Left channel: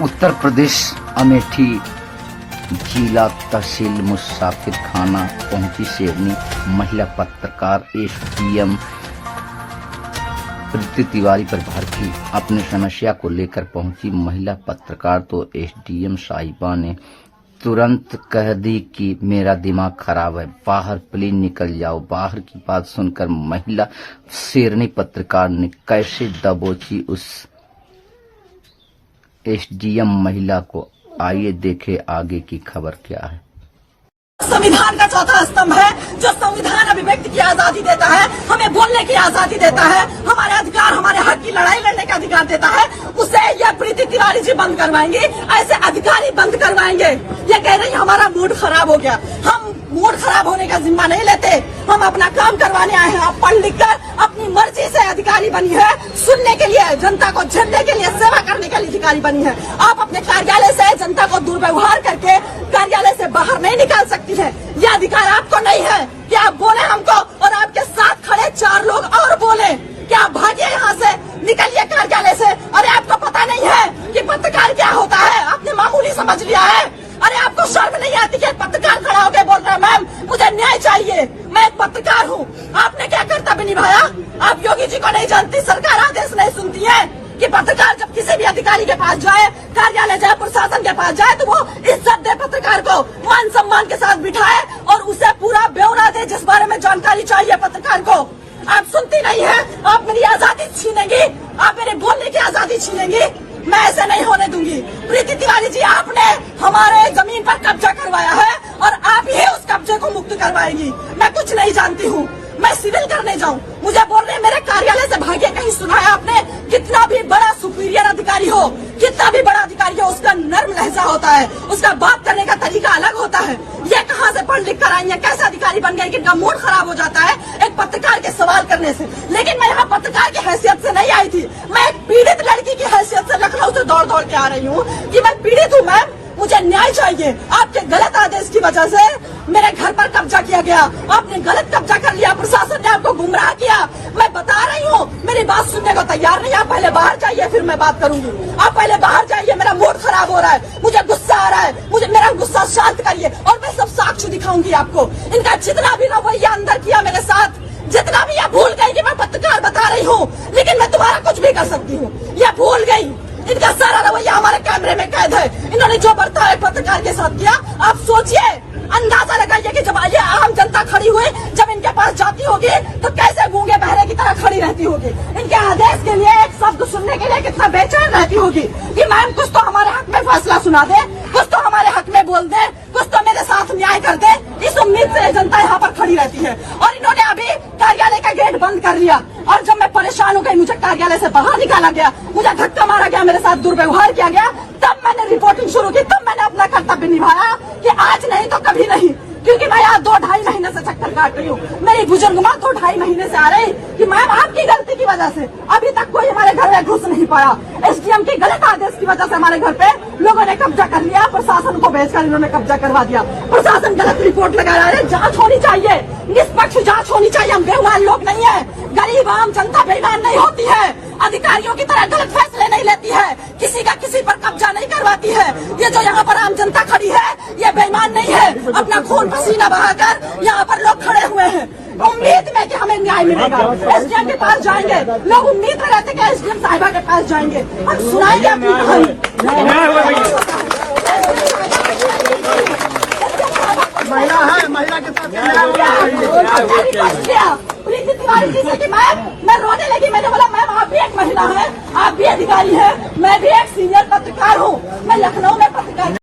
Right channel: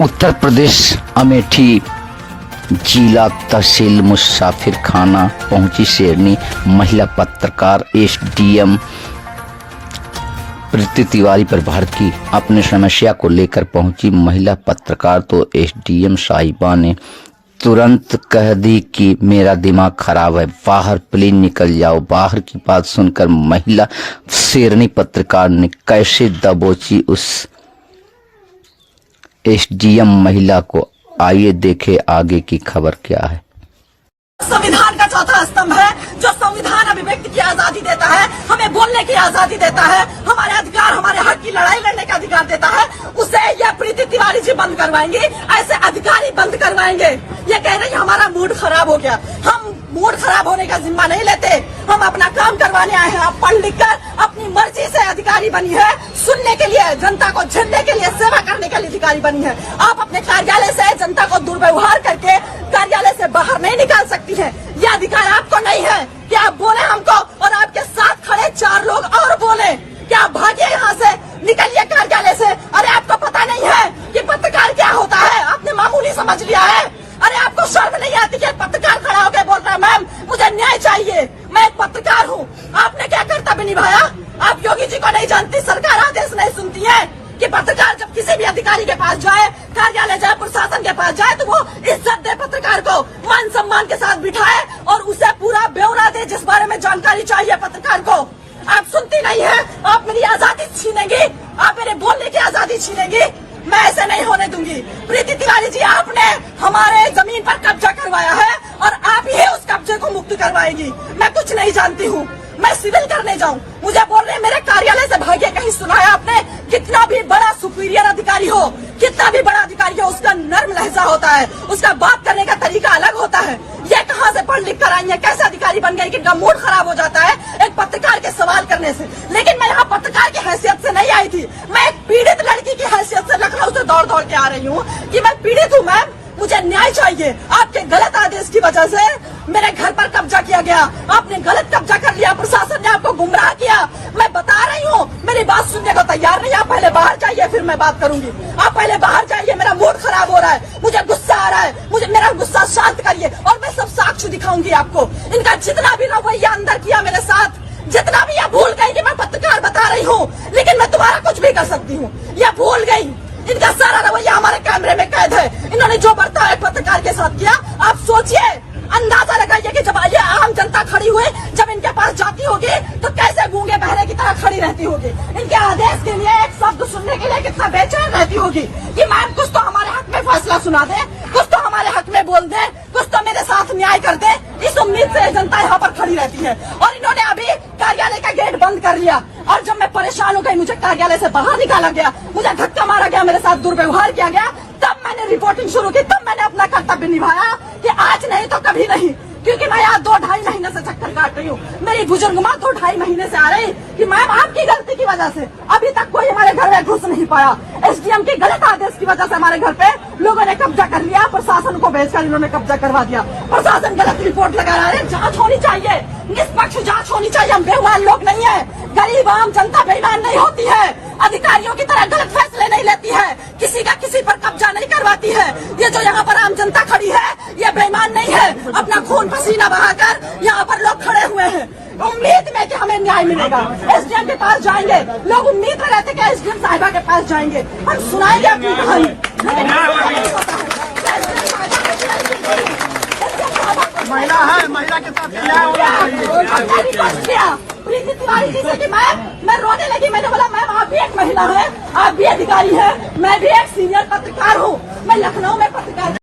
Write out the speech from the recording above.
उत्तर प्रदेश अमेठी जिला तहसील मुसाफिर खाना पहुंची शेरनी महिला पत्रकार एसडीएम प्रीति तिवारी पर भड़की। अपनी समस्या को लेकर पहुंची महिला पत्रकार तो एसडीएम साहिबा ने तुरंत कह दी कि मेरा दिमाग खराब है, बाहर प्लीज निकल जाओ। बाहर की बात सुनकर महिला शेरनी पत्रकार ने कैसे दबोची उस एसडीएम महिला को। आइए देखें आगे की खबर क्या है। संविधान का चौथा स्तंभ है जो संविधान अभिव्यक्ति की आजादी देता है, हमें बोलने की आजादी देता है, हमारे अधिकार हमारे हक की लड़ाई लड़ने का अधिकार देता है। उसे यह प्रीति तिवारी जी बंद करवाएंगी, ऐसे अधिकारी बंद करवाएंगे। ये कह रही हमारा मूड खराब हो गया। हम मूड खराब होने का जिम्मा नहीं लेते, हम अपना काम करवाने आए हैं। आप पढ़ लिख कर अपनी मर्जी से अधिकारी बनी है, सुनने के लिए, जनता को झेलने के लिए, सेवा करने के लिए अधिकारी बनी है। आप अपने कार्यालय से जनता को दुर्व्यवहार करके कार्यालय से बाहर नहीं निकाल सकती है। यह अधिकार आपको नहीं है कि आप बोले हमको और आपके साथ खड़े 4 लोग और बोले कि आप भागिए यहाँ से, निकलिए कार्यालय से। अरे आपको पता नहीं है कि पत्रकार क्या होता है? आपने मामूली समझ लिया है। अरे आपको शर्म नहीं आती कि पत्रकार खड़ा होकर बोल रहे हैं मैम मुझे न्याय चाहिए, मैं एक पत्रकार हूँ। आपने क्या कर्तव्य निभाया? आप योगी जी को नहीं जानती? सरकार आदेश नहीं सुनती है कि पत्रकार जब किसी भी अधिकारी के पास जाए, कार्यालय जाए, प्रशासन के पास जाए तो वो इज्जत दे, पत्रकार को मान सम्मान के साथ बिठाए और उसे पूरा ब्यौरा दे जिस बारे में जानकारी चाहिए पत्रकार को। आप सुनती नहीं है, आप मेरी आजादी छीनेंगी, आप मेरे बोलने की आजादी छीनेंगी। मैं ऐसा नहीं होने दूंगी। प्रीति तिवारी जी, आपने हमारे जमीन पर कब्जा करवाया है और आप ही उस कब्जे को मुक्त करवाएंगी। मैं कुछ नहीं जानती हूँ, मैं सिविल करने जाऊँ, मुझे बोल रहे मेरे कार्यालय से भागे। कहीं सुना है आपने? कितना भी बड़ा सुपीरियर अधिकारी हो, कितना भी बड़ा अधिकारी हो, उसका नर्म लहजा होता है, उसका बात करने का तरीका अलग होता है। ये कहाँ से पढ़ लिख कर आई है? कैसे अधिकारी बन गई कि इनका मूड खराब हो जाता है एक पत्रकार के सवाल करने से? लेकिन मैं यहाँ पत्रकार की हैसियत से नहीं आई थी, मैं एक पीड़ित लड़की की हैसियत से लखनऊ से दौड़ दौड़ के आ रही हूँ कि मैं पीड़ित हूँ, मैं मुझे न्याय चाहिए। आपके गलत आदेश की वजह से मेरे घर पर कब्जा किया गया, आपने गलत कब्जा कर लिया, प्रशासन ने आपको गुमराह किया। मैं बता रही हूँ, मेरी बात सुनने को तैयार नहीं। आप पहले बाहर जाइए फिर मैं बात करूंगी। आप पहले बाहर जाइए, मेरा मूड खराब हो रहा है, मुझे गुस्सा आ रहा है, मुझे मेरा गुस्सा शांत करिए और मैं सब साक्ष्य दिखाऊंगी आपको। इनका जितना भी रवैया अंदर किया मेरे साथ, जितना भी ये भूल गई कि मैं पत्रकार बता रही हूँ लेकिन मैं तुम्हारा कुछ भी कर सकती हूँ, ये भूल गई। इनका सारा रवैया हमारे कैमरे में कैद है। इन्होंने जो बर्ताव पत्रकार के साथ किया, आप सोचिए, अंदाजा लगाइए कि जब ये आम जनता खड़ी हुई, जब इनके पास जाती होगी तो कैसे गूंगे बहरे की तरह खड़ी रहती होगी। इनके आदेश के लिए एक शब्द सुनने के लिए कितना बेचैन रहती होगी कि मैम कुछ तो हमारे हक में फैसला सुना दे, कुछ तो हमारे हक में बोल दे, कुछ तो मेरे साथ न्याय कर दे। इस उम्मीद से जनता यहाँ पर खड़ी रहती है और इन्होंने अभी कार्यालय का गेट बंद कर लिया। और जब मैं परेशान हो गई, मुझे कार्यालय से बाहर निकाला गया, मुझे धक्का मारा गया, मेरे साथ दुर्व्यवहार किया गया, तब मैंने रिपोर्टिंग शुरू की, तब मैंने अपना कर्तव्य निभाया कि आज नहीं तो कभी नहीं। क्योंकि मैं यहाँ 2-2.5 महीने से चक्कर काट रही हूँ। मेरी बुजुर्ग माँ 2-2.5 महीने से आ रही कि मैम आपकी गलती की वजह से अभी तक कोई हमारे घर में घुस नहीं पाया। एसडीएम के गलत आदेश की वजह से हमारे घर पे लोगों ने कब्जा कर लिया, प्रशासन को भेजकर इन्होंने कब्जा करवा दिया। प्रशासन गलत रिपोर्ट लगा रहा है। जांच होनी चाहिए, निष्पक्ष जांच होनी चाहिए। हम बेईमान लोग नहीं है, गरीब आम जनता बेईमान नहीं होती है, अधिकारियों की तरह गलत फैसले नहीं लेती है, किसी का किसी पर कब्जा नहीं करवाती है। ये जो यहाँ पर आम जनता खड़ी है ये बेईमान नहीं है, अपना खून पसीना बहाकर यहाँ पर लोग खड़े हुए हैं उम्मीद में कि हमें न्याय मिलेगा। एसडीएम के पास जाएंगे, लोग उम्मीद में रहते कि एसडीएम साहिबा के पास जाएंगे और सुनाएंगे अपनी कहानी। महिला है, महिला के साथ प्रीति तिवारी जी से कि मैं रोने लगी। मैंने बोला मैम आप भी एक महिला है, आप भी अधिकारी है, मैं भी एक सीनियर पत्रकार हूँ, मैं लखनऊ में पत्रकार